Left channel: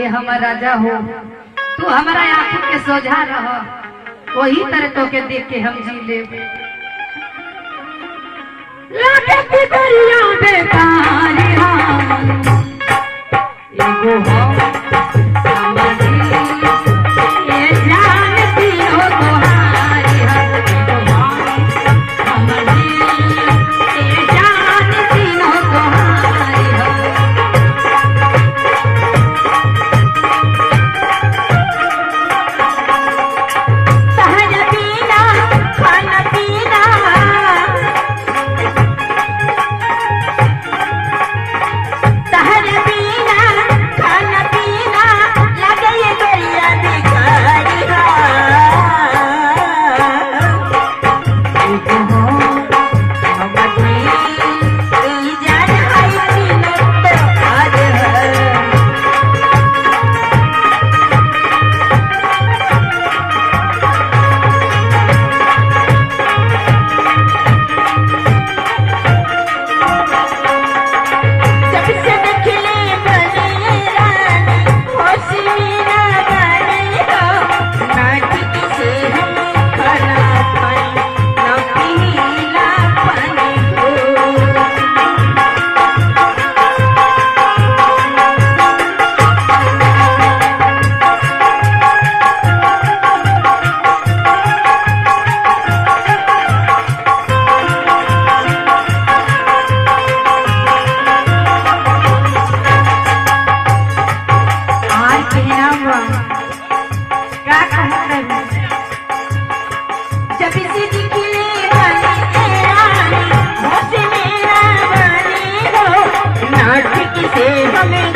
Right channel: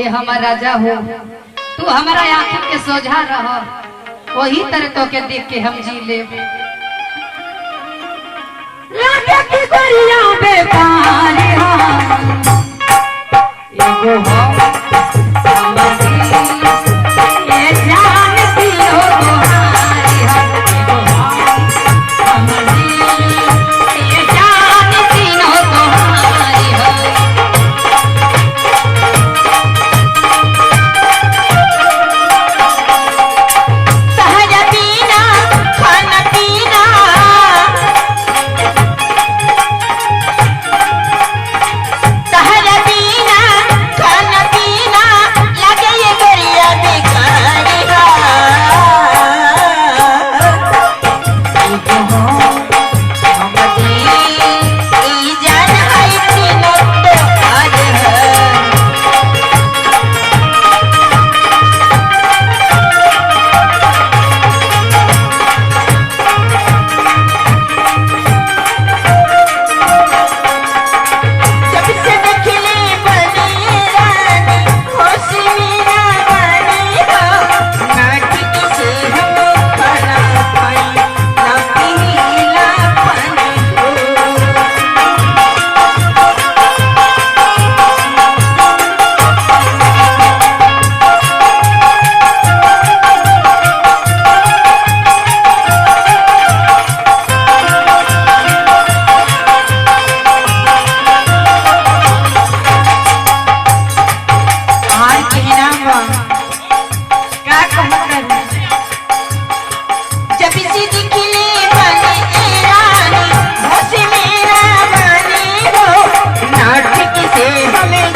ए हमारा राजा हो, तू हमारा आंखों के सोझा रह, वही तरह तो के देख के हम जी ले। लागे की गोरिया बेकार एगो हम ये जानती हो तुम्हारी हम एगो हम ये जानती हो तुम्हारी हम। सहज पीना खाना पीना सहज पीना खाना पीना लगे ये गरिया भिखारी जान है तीनों तो आज है। जब से देखली बनी रानी होश मेरा गानी हो, ना ठीक से हम खाना खाई ना पीला पानी हो। आज कहना हुआ क्या कहना जब से दिखले बनी रानी होश मेरा गानी हो, ना ठीक से हमें